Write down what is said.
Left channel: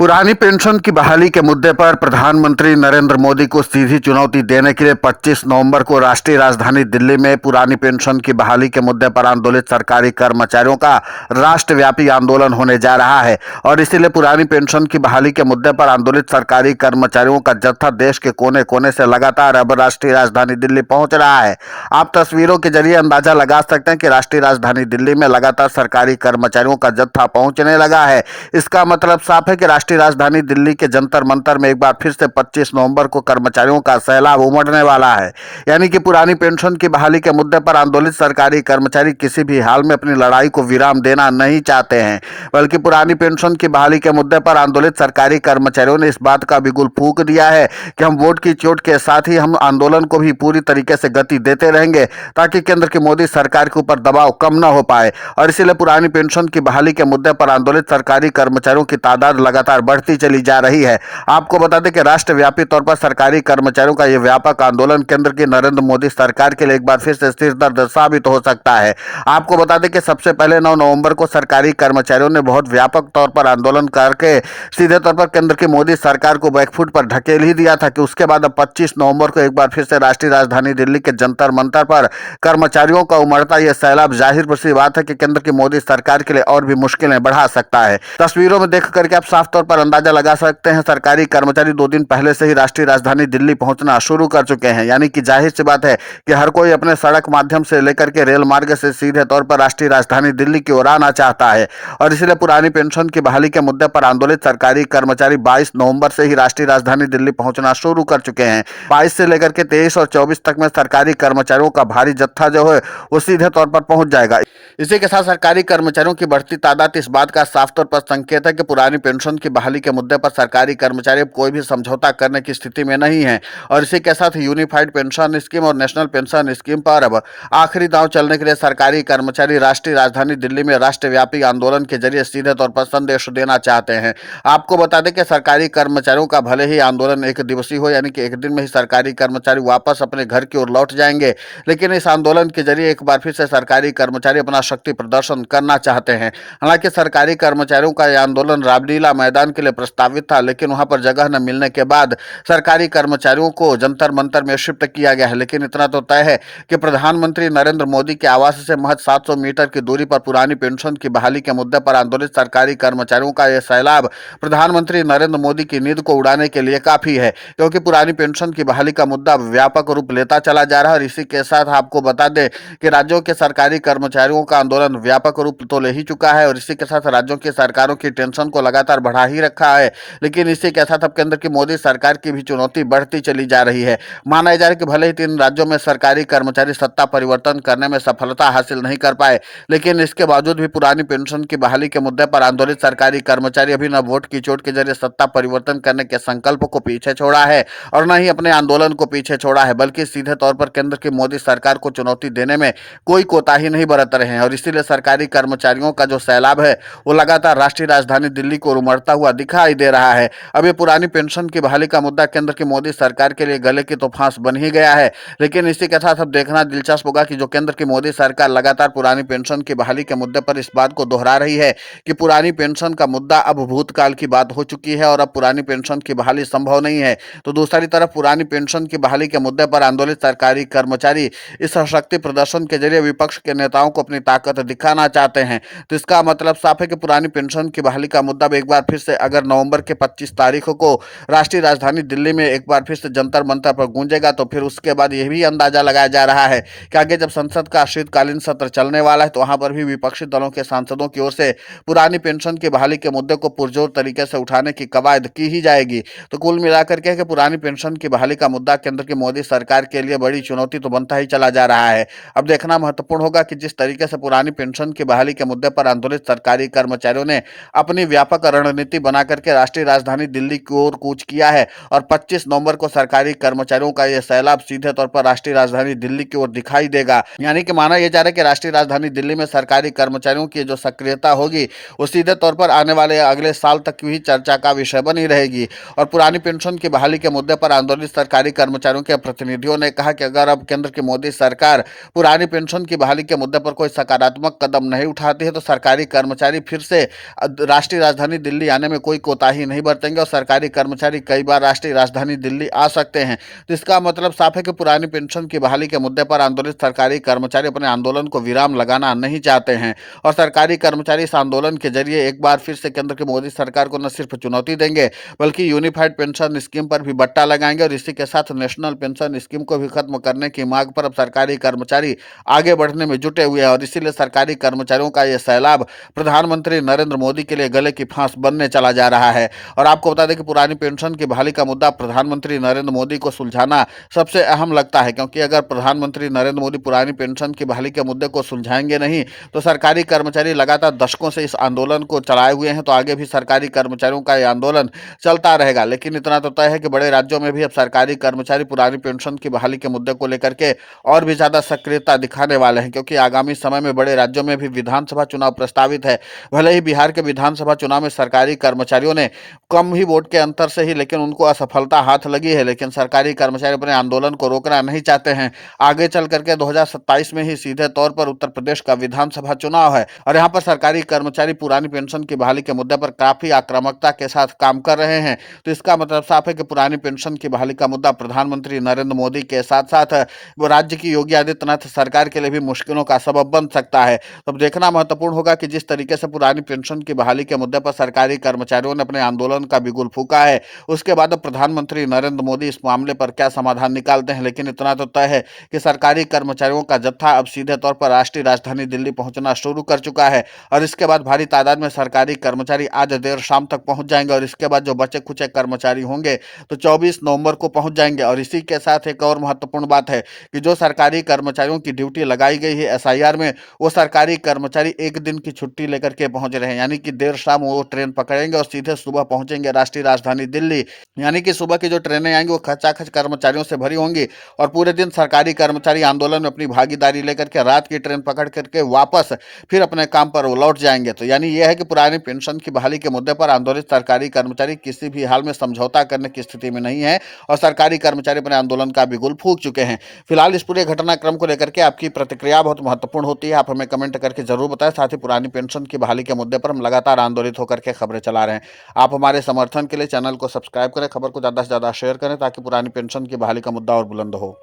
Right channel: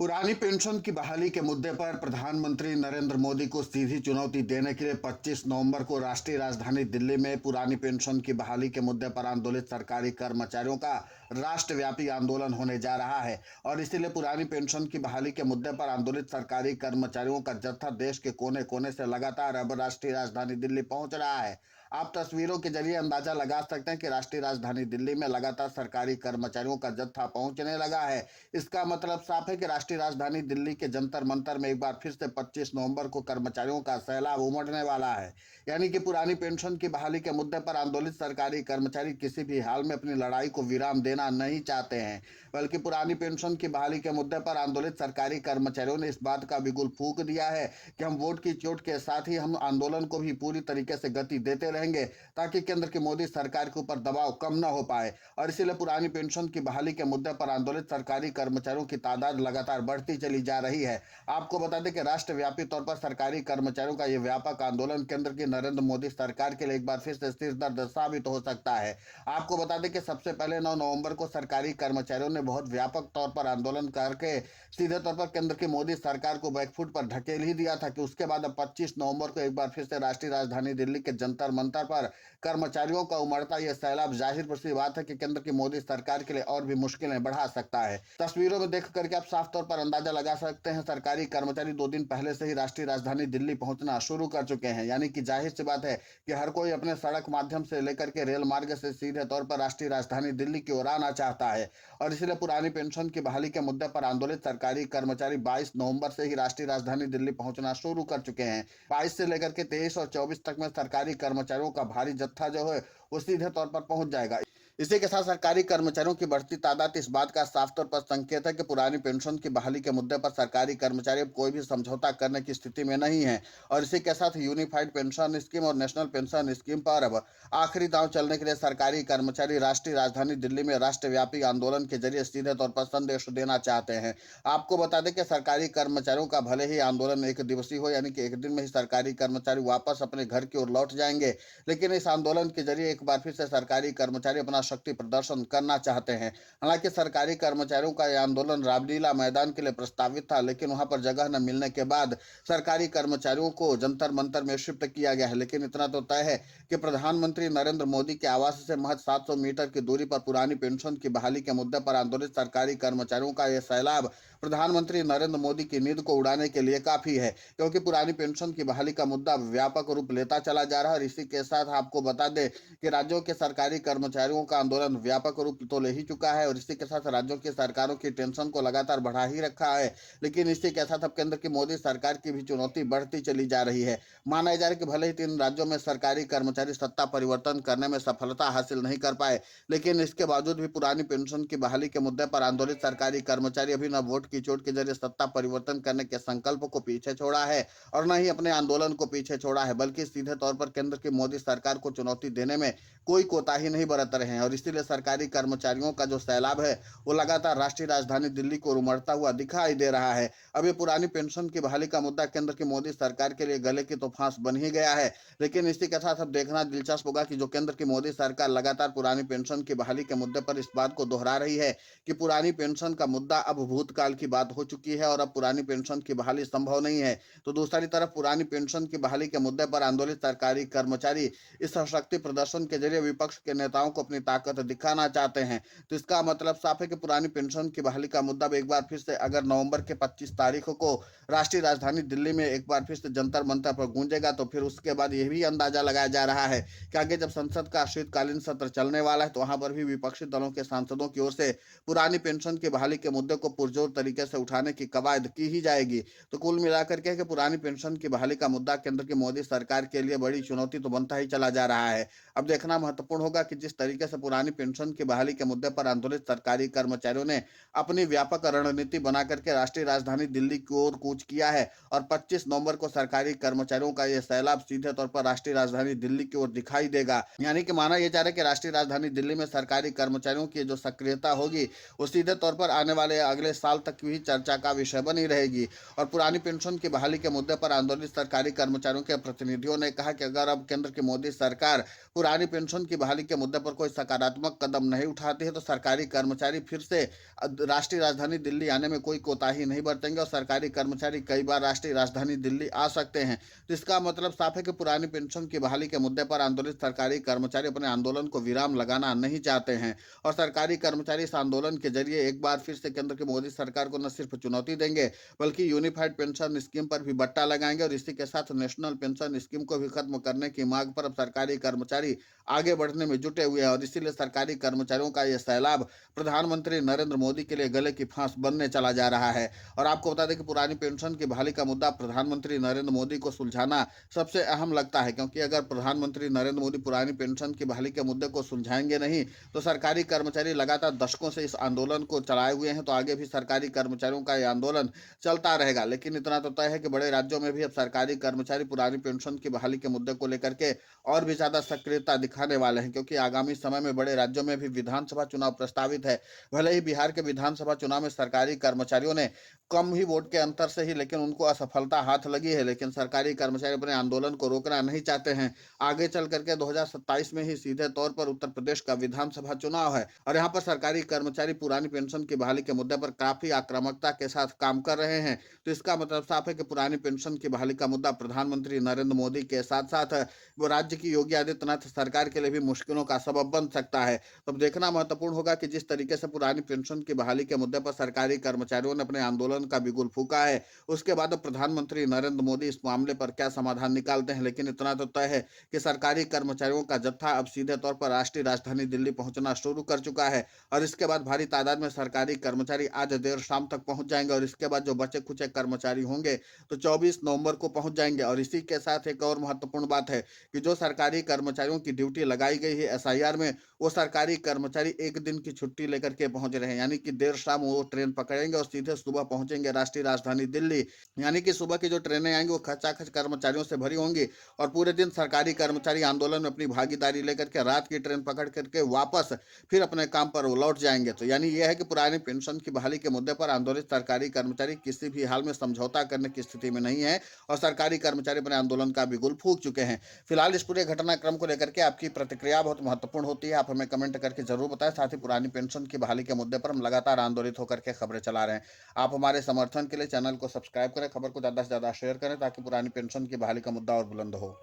पुरानी पेंशन की बहाली के मुद्दे पर प्रधानमंत्री नरेंद्र मोदी को सीधी चुनौती देने के लिए 25 नवंबर को राष्ट्रीय राजधानी दिल्ली में पुरानी पेंशन की बहाली के मुद्दे पर आंदोलित सरकारी कर्मचारियों का राष्ट्रव्यापी आंदोलन होने जा रहा है। और इसीलिए पुरानी पेंशन की बहाली के मुद्दे पर आंदोलित सरकारी कर्मचारियों का जत्था देश के कोने कोने से लगातार अब राष्ट्रीय राजधानी दिल्ली पहुंच रहा है। आप तस्वीरों के जरिए अंदाजा लगा सकते हैं कि राष्ट्रीय राजधानी दिल्ली में लगातार सरकारी कर्मचारियों का जत्था पहुंचने लगा है। इसका मतलब साफ है कि राष्ट्रीय राजधानी दिल्ली के जंतर मंतर में एक बार फिर से 25 नवंबर को कर्मचारियों का सैलाब उमड़ने वाला है। यानी कि पुरानी पेंशन की बहाली के मुद्दे पर आंदोलित सरकारी कर्मचारी किसी भी हाल में अपनी लड़ाई को विराम देना नहीं चाहते हैं, बल्कि पुरानी पेंशन की बहाली के मुद्दे पर आंदोलित सरकारी कर्मचारियों ने इस बात का बिगुल फूंक दिया है कि हम वोट की चोट के साथ ही हम आंदोलन को भी पूरी तरीके से गति देते रहेंगे ताकि केंद्र की मोदी सरकार के ऊपर दबाव कम न हो पाए। और इसीलिए पुरानी पेंशन की बहाली के मुद्दे पर आंदोलित सरकारी कर्मचारियों की तादाद लगातार बढ़ती चली जा रही है। आपको बता दें कि राष्ट्रव्यापी तौर पर सरकारी कर्मचारियों का यह व्यापक आंदोलन केंद्र की नरेंद्र मोदी सरकार के लिए एक बार फिर से सिर दर्द साबित हो सकता है। आपको बता दें कि सबसे पहले 9 नवंबर को सरकारी कर्मचारियों ने बहुत व्यापक तौर पर आंदोलन करके सीधे तौर पर केंद्र की मोदी सरकार को बैकफुट पर ढकेल ही दिया था कि उसके बाद अब 25 नवंबर को एक बार फिर से राष्ट्रीय राजधानी दिल्ली के जंतर मंतर पर कर्मचारियों का उमड़ता यह सैलाब जाहिर सी बात है कि केंद्र की मोदी सरकार के लिए और भी मुश्किलें बढ़ा सकता है। तस्वीरों में देख करके आप साफ तौर पर अंदाजा लगा सकते हैं सरकारी कर्मचारी 2 दिन पहले से ही राष्ट्रीय राजधानी दिल्ली पहुंचना शुरू कर चुके हैं। यानी कि जाहिर सी बात है कि हर कोई अपने सड़क माध्यम से लेकर के रेल मार्ग से सीधे तौर पर राष्ट्रीय राजधानी दिल्ली की ओर आना चाहता है। और इसलिए पुरानी पेंशन की बहाली के मुद्दे पर आंदोलित सरकारी कर्मचारी 22 नवंबर से ही राष्ट्रीय राजधानी दिल्ली पहुंचना शुरू कर चुके हैं। 22 से लेकर के 23 और 24 तक में सरकारी कर्मचारियों का भारी जत्था जो है वो सीधे तौर पर पहुंच जाएगा। इसी के साथ सरकारी कर्मचारियों की बढ़ती तादाद इस बात का साफ तौर पर संकेत है कि पुरानी पेंशन की बहाली के मुद्दे पर सरकारी कर्मचारी अब कोई भी समझौता करने की स्थिति में नहीं है। और इसी के साथ यूनिफाइड पेंशन स्कीम और नेशनल पेंशन स्कीम पर अब आखिरी दांव चलने के लिए सरकारी कर्मचारी राष्ट्रीय राजधानी दिल्ली में राष्ट्रव्यापी आंदोलन के जरिए सीधे तौर पर संदेश देना चाहते हैं। आपको बता दें कि सरकारी कर्मचारियों का भले ही आंदोलन एक दिवसीय हो, यानी कि एक दिन में ही सरकारी कर्मचारी वापस अपने घर की ओर लौट जाएंगे, लेकिन इस आंदोलन के जरिए एक बार फिर से सरकारी कर्मचारी अपना शक्ति प्रदर्शन करना चाहते हैं। हालांकि सरकारी कर्मचारियों का यह आंदोलन रामलीला मैदान के लिए प्रस्तावित था, लेकिन वहां पर जगह न मिलने के बाद सरकारी कर्मचारियों को जंतर मंतर में शिफ्ट किया गया है। लेकिन इतना तो तय है कि प्रधानमंत्री नरेंद्र मोदी के आवास से महज 700 मीटर की दूरी पर पुरानी पेंशन की बहाली के मुद्दे पर आंदोलित सरकारी कर्मचारियों का यह सैलाब प्रधानमंत्री नरेंद्र मोदी की नींद को उड़ाने के लिए काफी है, क्योंकि पुरानी पेंशन की बहाली का मुद्दा व्यापक रूप लेता चला जा रहा है। और इसी के साथ आपको बता दें कि राज्यों के सरकारी कर्मचारियों का आंदोलन व्यापक रूप तो ले ही चुका है और इसी के साथ राज्यों की सरकारों की टेंशन को लगातार बढ़ा ही रखा है। लेकिन इसी के साथ अब केंद्र की मोदी सरकार की भी चुनौती बढ़ती चली जा रही है। माना जा रहा है कि भले ही 3 राज्यों में सरकारी कर्मचारी सत्ता परिवर्तन करने में सफलता हासिल नहीं कर पाए, लेकिन इसके बावजूद भी पुरानी पेंशन की बहाली के मुद्दे पर आंदोलित सरकारी कर्मचारी अभी न वोट की चोट के जरिए सत्ता परिवर्तन करने के संकल्प को पीछे छोड़ा है और न ही अपने आंदोलन को पीछे छोड़ा है, बल्कि सीधे तौर पर केंद्र की मोदी सरकार को चुनौती देने में कोई कोताही नहीं बरत रहे हैं। और इसीलिए सरकारी कर्मचारियों का जो सैलाब है वो लगातार राष्ट्रीय राजधानी दिल्ली को उमड़ता हुआ दिखाई दे रहा है। अब ये पुरानी पेंशन की बहाली का मुद्दा केंद्र की मोदी सरकार के लिए गले की तो फांस बन ही गया है। लेकिन इसी के साथ अब देखना दिलचस्प होगा कि जो केंद्र की मोदी सरकार लगातार पुरानी पेंशन की बहाली के मुद्दे पर इस बात को दोहरा रही है कि पुरानी पेंशन का मुद्दा अब भूतकाल की बात हो चुकी है और अब पुरानी पेंशन की बहाली संभव नहीं है, तो दूसरी तरफ पुरानी पेंशन की बहाली के मुद्दे पर आंदोलित सरकारी कर्मचारी इस शक्ति प्रदर्शन के जरिए विपक्ष के नेताओं को अपनी ताकत दिखाना चाहते हैं। तो इसका मतलब साफ है कि पुरानी पेंशन की बहाली का मुद्दा एक बार फिर से अगर नवंबर के 25 तारीख को राष्ट्रीय राजधानी दिल्ली में एक बार फिर से जंतर मंतर पर गूंजेगा, तो फिर उसके बाद यह भी अंदाजा लगाया जा रहा है कि आगे जब संसद का शीतकालीन सत्र चलने वाला है तो वहां पर भी विपक्षी दलों के सांसदों की ओर से पुरानी पेंशन की बहाली के मुद्दे को पुरजोर तरीके से उठाने की कवायद की ही जाएगी। तो कुल मिलाकर के पुरानी पेंशन की बहाली का मुद्दा केंद्र की मोदी सरकार के लिए बड़ी चुनौती तो बनता ही चला जा रहा है। अब देखना महत्वपूर्ण होगा कि जिस तरीके से पुरानी पेंशन की बहाली के मुद्दे पर आंदोलित सरकारी कर्मचारियों ने अपनी व्यापक रणनीति बना करके राष्ट्रीय राजधानी दिल्ली की ओर कूच किया है और 25 नवंबर को सरकारी कर्मचारियों का यह सैलाब सीधे तौर पर राष्ट्रीय राजधानी दिल्ली की ओर दिखाई देगा। यानी कि माना यह जा रहा है कि राष्ट्रीय राजधानी दिल्ली में सरकारी कर्मचारियों की जो सक्रियता होगी वो सीधे तौर पर आने वाले अगले साल तक भी चर्चा का विषय बनी रहेगी। और पुरानी पेंशन की बहाली के मुद्दे पर आंदोलित सरकारी कर्मचारियों के प्रतिनिधियों ने कहा कि अगर अब केंद्र की मोदी सरकार पुरानी पेंशन की बहाली के मुद्दे पर कोई सकारात्मक कदम नहीं उठाती है तो सरकारी कर्मचारी फिर से राष्ट्रीय राजधानी दिल्ली आने में कोई कोताही नहीं बरतेंगे और सरकारी कर्मचारी कई बार राष्ट्रीय राजधानी दिल्ली आ सकते हैं। तो इसका मतलब साफ है कि पुरानी पेंशन की बहाली के मुद्दे पर आंदोलित सरकारी कर्मचारी अपने आंदोलन को विराम लगाना नहीं चाहते हैं और सरकारी कर्मचारी इस आंदोलन के जरिए एक बार फिर से केंद्र की मोदी सरकार को न सिर्फ चुनौती देंगे बल्कि यूनिफाइड पेंशन स्कीम पर भी बट्टा लगाएंगे और इसी के साथ नेशनल पेंशन स्कीम को भी खत्म करने की मांग पर अब सरकारी कर्मचारी आगे बढ़ने में जुटे हुए हैं और इसीलिए सरकारी कर्मचारियों का यह सैलाब प्रधानमंत्री नरेंद्र मोदी के लिए गले की फांस बनने चला जा रहा है। और आपको बता दें कि पुरानी पेंशन की बहाली का मुद्दा प्रधानमंत्री नरेंद्र मोदी को सुलझाना सबसे अहम लगता है, क्योंकि अगर प्रधानमंत्री नरेंद्र मोदी पुरानी पेंशन की बहाली के मुद्दे को सुलझाएंगे नहीं तो सरकारी कर्मचारी लगातार दशकों से इस आंदोलन को चलाए हुए हैं, तो आगे भी सरकारी कर्मचारियों का यह आंदोलन चलता रहेगा। लेकिन इतना तो तय है कि बड़े राज्यों में भी अब सरकारी कर्मचारी पुरानी पेंशन की बहाली के मुद्दे को लेकर के और भी ज्यादा सक्रियता दिखाने वाले हैं, क्योंकि आगामी समय में बड़े राज्यों में भी विधानसभा चुनाव प्रस्तावित है। भले ही बिहार के विधानसभा चुनाव में सरकारी कर्मचारियों ने कम ही वोट के अंतर से ही लेकिन उनको असफलता हाथ लगी है, लेकिन सरकारी कर्मचारी अपने आंदोलन को रोकना नहीं चाहते हैं। आगे चल करके 2027 में ही सीधे तौर पर उत्तर प्रदेश का विधानसभा चुनाव है और यहाँ पर सरकारी कर्मचारी पुरानी पेंशन की बहाली के मुद्दे पर काफी आक्रामकता के साथ काम कर रहे हैं। तो इसका मतलब साफ है कि पुरानी पेंशन की बहाली का मुद्दा प्रधानमंत्री नरेंद्र मोदी के साथ साथ वो राज्य की योगी आदित्यनाथ सरकार के लिए भी मुश्किलों का सबब बन सकता है। तो अब देखना महत्वपूर्ण होगा कि जिस तरीके से पुरानी पेंशन की बहाली के मुद्दे पर सरकारी कर्मचारियों ने अपने आंदोलन का बिगुल फूंका है, उसके बाद अब प्रधानमंत्री नरेंद्र मोदी इस मामले पर क्या समाधान निकालते हैं। लेकिन इतना तो तय है कि सरकारी कर्मचारियों का जत्था अब सीधे तौर पर राष्ट्रीय राजधानी दिल्ली पहुंचना शुरू कर चुका है और इसके बाद भारी तादाद में सरकारी कर्मचारी आज देर शाम तक पहुंच जाएंगे और इसके बाद जो बचे कुछ कर्मचारी होंगे तो 24 नवंबर को पहुंच जाएंगे। और इसी के साथ एक और महत्वपूर्ण बात है कि जो सरकारी कर्मचारियों की ड्यूटी लगाई गई है एसआईआर में, वो सरकारी कर्मचारी एक दिन की छुट्टी लेकर के पहुंच रहे हैं, यानी कि देर शाम वो ट्रेन पकड़ेंगे और सीधे सुबह पहुंचेंगे राष्ट्रीय राजधानी दिल्ली। यानी कि सुबह की जो ट्रेनें आएंगी वो खचाखच कर्मचारियों से भरी होंगी और पूरे दिन सरकारी कर्मचारी आंदोलन में अपनी भागीदारी लेकर के रात की ट्रेन पकड़ करके वापस फिर अपने काम पर वो लौट जाएंगे। तो यानी यह है कि पुरानी पेंशन की बहाली के मुद्दे पर आंदोलित सरकारी कर्मचारी किसी भी हाल में समझौता करने की स्थिति में नहीं है और सरकारी कर्मचारी अपने आंदोलन का बिगुल फूंक चुके हैं। फिलहाल इस पूरे घटनाक्रम को लेकर के आपकी प्रतिक्रिया बहुत महत्वपूर्ण होती है, आप हमें कमेंट करके जरूर बताएं। साथ ही पुरानी पेंशन की बहाली के मुद्दे पर हम लगातार आंदोलित होकर के खबरें चला रहे हैं। आप हमारे समर्थन के लिए चैनल को सब्सक्राइब करें, खबर को ज़्यादा से ज़्यादा शेयर करें ताकि पुरानी पेंशन की बहाली का मुद्दा और बुलंद हो।